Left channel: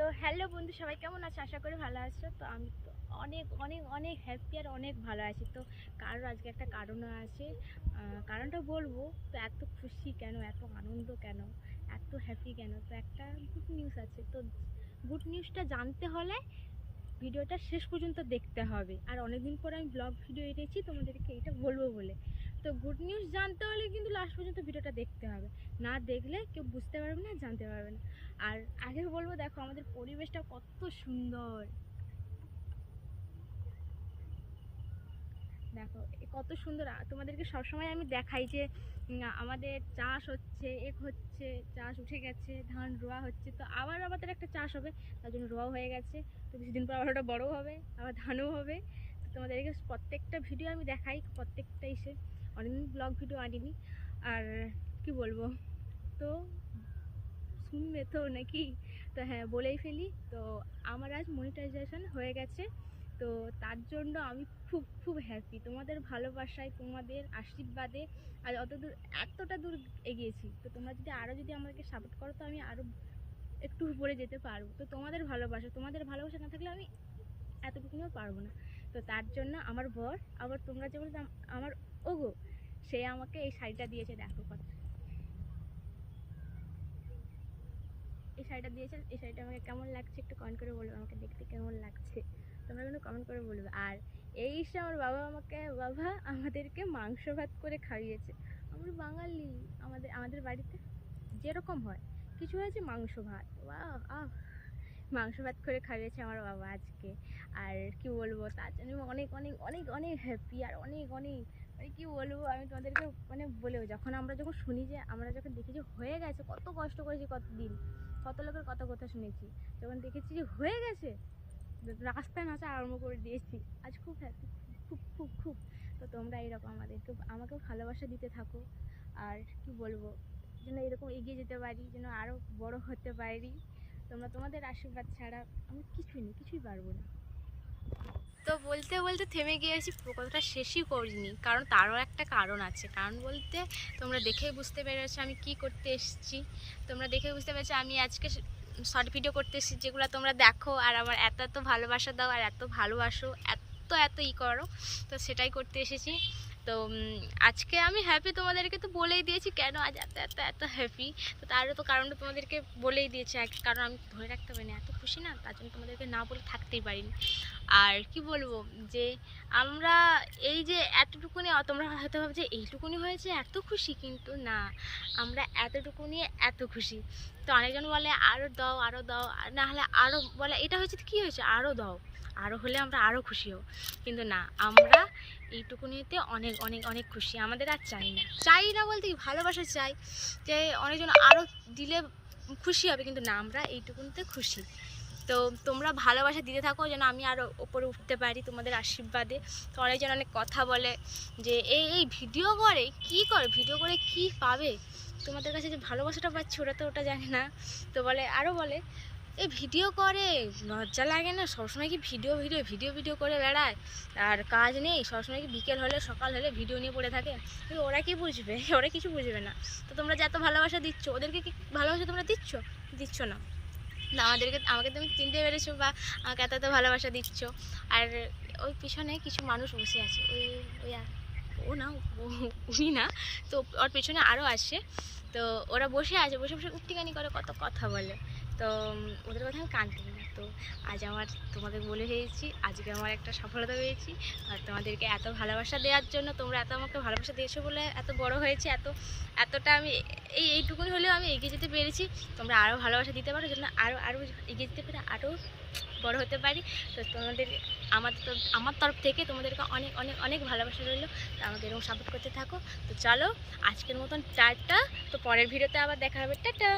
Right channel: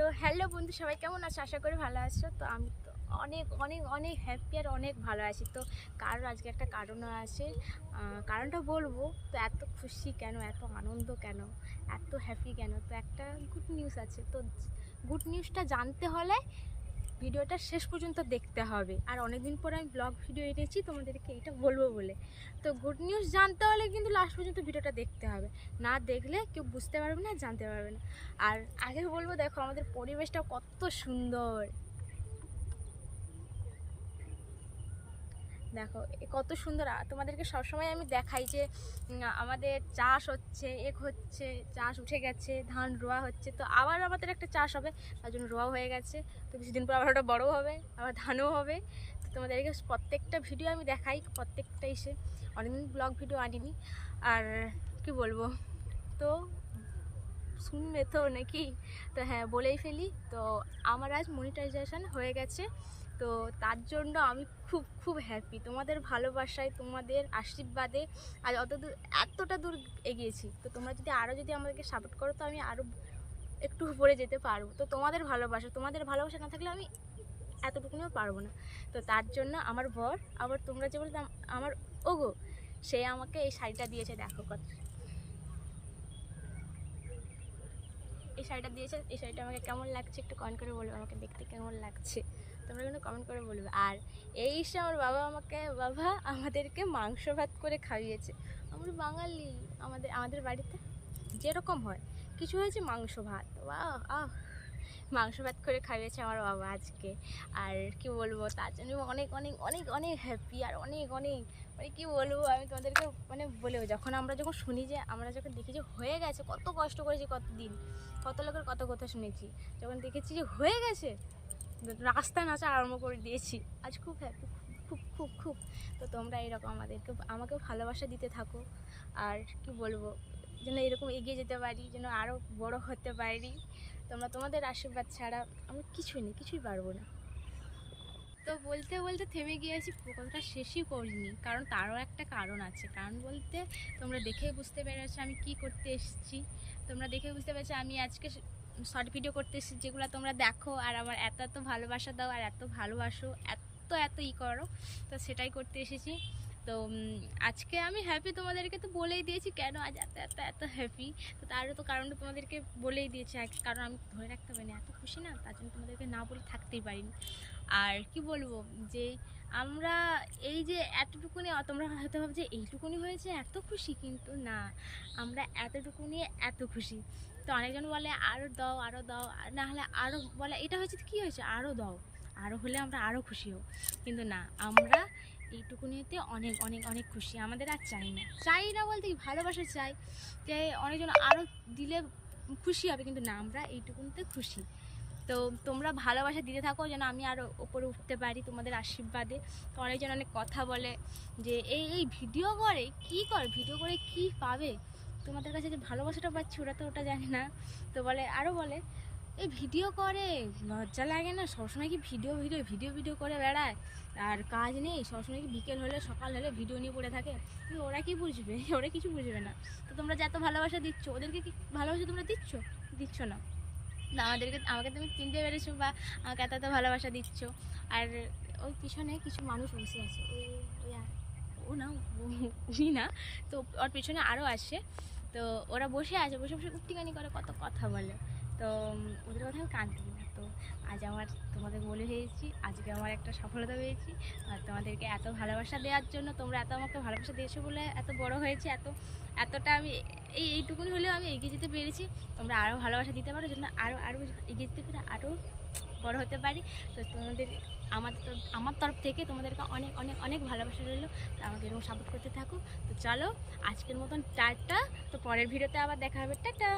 তো হ্যালো বন্ধু, সবাই কেমন আছো? আশা করি ভালো আছো। তো আমি তো অনেক অনেক অনেক হ্যাপি আর অনেক ভালো আছি। তো কারণ আজকে একটা কারণও আছে, কারণটা বলবো। তো এত খুশি কেন, এত আনন্দ কেন, এত হ্যাপি কেন, তো একটা গুড নিউজ আছে। তো গুড নিউজটা জানতে হলে ভিডিওটা শেষ পর্যন্ত দেখতে হবে। আর অনেকদিন পর আমি ব্লগ ভিডিও এনেছি তোমাদেরকে এটা বলবো বলে। তো গুড নিউজ জানতে হলে কিন্তু লাস্ট পর্যন্ত ভিডিওটা দেখতে হবে, না দেখলে কেউ বুঝতে পারবে না, জানতে পারবে না। আর আগে বলবো, দেখো আমাদের পরিবেশটা কত সুন্দর, দেখো কত সুন্দর। তোমাদেরকে সবসময় আমি দেখাই যে আমাদের চাষ হচ্ছে, হচ্ছে চাষ উঠে গেছে, ধান রোয়া হচ্ছে। তো আবার আমাদের একটা চাষ হবে, তার জন্য রোয়া হয়ে গেছে। তো কিছুদিন পর আবার ওটা বড়ো হবে, আবার ধানও হবে। তো তোমাদেরকে প্রত্যেকটা ভিডিও আমি দেখাই, প্রত্যেকটা এসে অনেকদিন ব্লগ ভিডিও আনিনি। আর কি বলবো, তো শুনবে তো নাকি? তো হ্যাঁ, বলেই ফেলি। তো আমার আজ মনিটাইজেশন হয়ে গেছে। তো তার জন্য আমি খুব খুব হ্যাপি, তোমাদের ভালোবাসায়, তোমাদের আশীর্বাদে আজ এতটা দূর এগিয়েছি। তো তোমরা যদি আমাদেরকে সাপোর্ট করো, তো আমি আরও একটু উপরে যেতে পারবো। তো তোমাদের ভালোবাসা না থাকলে আমি এতটুকুনিও পারবো না। তো তার জন্য আমার বর, আবার তোমরা যে বলতে আমার ওগো, সে আমাকে এই শাড়িটা দিয়েছে। দেখো কত এই শাড়িটা দিয়েছে। এই শাড়িটা আমাকে কেমন লাগছে একটু কমেন্ট করে বলবে, আমাকে দেখতে কেমন লাগছে তোমরা কিন্তু কমেন্ট করে বলবে। আর এই এসে আমার বাবা আমাদেরকে মাংস ভাত করে খাইয়েছে। আমরা বাঙালি, আমাদের বাড়িতে যেরকম হয়, কিছু হয়েছে মাংস ভাত, আহ মাংস ভাত করে খাইয়েছে আমার বাবা আজকে। আর কি বলবো, তার জন্য অনেক অনেক অনেক অনেক হ্যাপি। আর অনেক অনেক মানে কি বলবো, আমি তোমাদেরকে বলেও, আমরা যখন শুনি, যে আমরা যখন দেখি যে হয়ে গেছে, কত কষ্ট করেছি, কতদিন কত লোকের কত কথা শুনেছি, যখন দেখেছি যে হয়ে গেছে, রাস্তায় নাচা আরম্ভ করে দিয়েছি। আজ খুব হ্যাপি, খুব খুব খুব। তো তোমরা এরকম আমাকে ভালোবাসা দিতে থাকো। আর কি বলবো, যেন এরকম এগিয়ে যেতে পারি, যেন আরও বড় হতে পারি। তোমাদের আশীর্বাদ ছাড়া আমি কিছুই পারবো না। তো বলতে বলতে থেমে গিয়েছি, কথাটা শেষই করিনি, কারণ তারও একটা কারণ আছে। কারণ বলতে তোমরা দেখেই বুঝতে পেরেছো আমি কি করতে এসেছি। তোমরা দেখে বুঝতে পেরেছো আমি আজকে শর্ট ভিডিও করতে এসেছি, যেগুলো তোমরা দেখো আর আমার এত এত ভালোবাসা দাও, আর এত ভালোবাসো, এত এত কর। তো সেটাই করতে এসেছি। তো আজকে আমি হ্যাপি, তোমাদেরকে তো বলেই দিয়েছি কেন আজ এত এত এত হ্যাপি। তো তারও তো কারণটা তোমাদেরকে বলেই দিয়েছি আগে, কারণ আমি ধরে রাখতে পারিনি, এত খুশি না, তার জন্য তোমাদেরকে না বলে থাকতেই পারিনি। আর কি বলবো, যে আমরা এই যে এতটুকুনি, তোমরা হয়তো ভাবছো এইটুকুনি হয়েছে এত খুশি, কিন্তু না, আমরা এতটুকুনি এত খুশি। তো অনেকজন বলে আরও দাও, আরও দাও, না হলে আরও বলে এটা হয়েছে কী হয়েছে, আরও দাও, আরও হলে আমরা আরও খুশি হব। কিন্তু না, আমরা এইটুকুনিতে অনেক অনেক অনেক খুশি। আমাদের আর চাই না বলতে কি, ভালোবাসা চাই, যে অনেকজন আরও দিলে খুশি হবে, কিন্তু না, আমরা এইটুকুনিতে খুশি। তো তোমরা ভালোবাসা দিতে থাকো, যেন আমি আরও ওপরে উঠতে পারি তোমাদের আশীর্বাদে। তো অনেকজন অনেক কথা বলে যে এই ভিডিও করে ভিডিও করে কি পাবে, তোমাদের কাছে যে ভালোবাসাটা পাচ্ছি ওটা জানে না। তো আরও বলে এই ভিডিও করে লজ্জা লাগে না, সবসময় কি ভিডিও করে বেড়ায়, আর কাজ নেই, সবসময় কি বিকেল হলে সকাল হলে ভিডিও নিয়ে পড়ে থাকে। কিন্তু ওরা কি বুঝবে, ওরা কিছু বুঝবে না। তো তোমরা যে এত ভালোবাসা দিচ্ছ, ওদেরকে কি ভালোবাসা তোমরা দিচ্ছ না। আমাকে তুমি চিনতে পেরেছো, বা আমাকে এত ভালোবাসা দিচ্ছ। আর ওই পিছনে কিছু মানুষ বসে আছে, ও না, উনি না, তো ওর পিছনে আরও আসে। তো ওরা বসে উক্তিকানি করে, কত কথা বলে। তো ওদের কথা আমি কান দিই না। তো আজ আমার তোমাদের বলে হয়েছি, আজকে আমার একটা সফলতা পেয়েছি। আর তোমাদেরকে এত ভালোবাসা দেওয়ার জন্য, তোমরা এত আমাকে ভালোবাসা দিয়েছো বলে এত বড় হয়েছে, এতটা আমি এইটুকুনি হলেও আমি এগিয়ে যেতে পেরেছি। তোমরা আরও ভালোবাসা দিতে পারো, যেন আরও এগিয়ে যেতে পারে, আরও বড় হতে পারি। তো আমার তরফ থেকে তোমাদেরকে অনেক অনেক অনেক ভালোবাসা রইলো। তো আমাকে এরকম সাপোর্ট করতে থাকো। তো চলো, আজকের মতন টাটা। তো পরের ভিডিওতে আবার দেখা হবে, টাটা।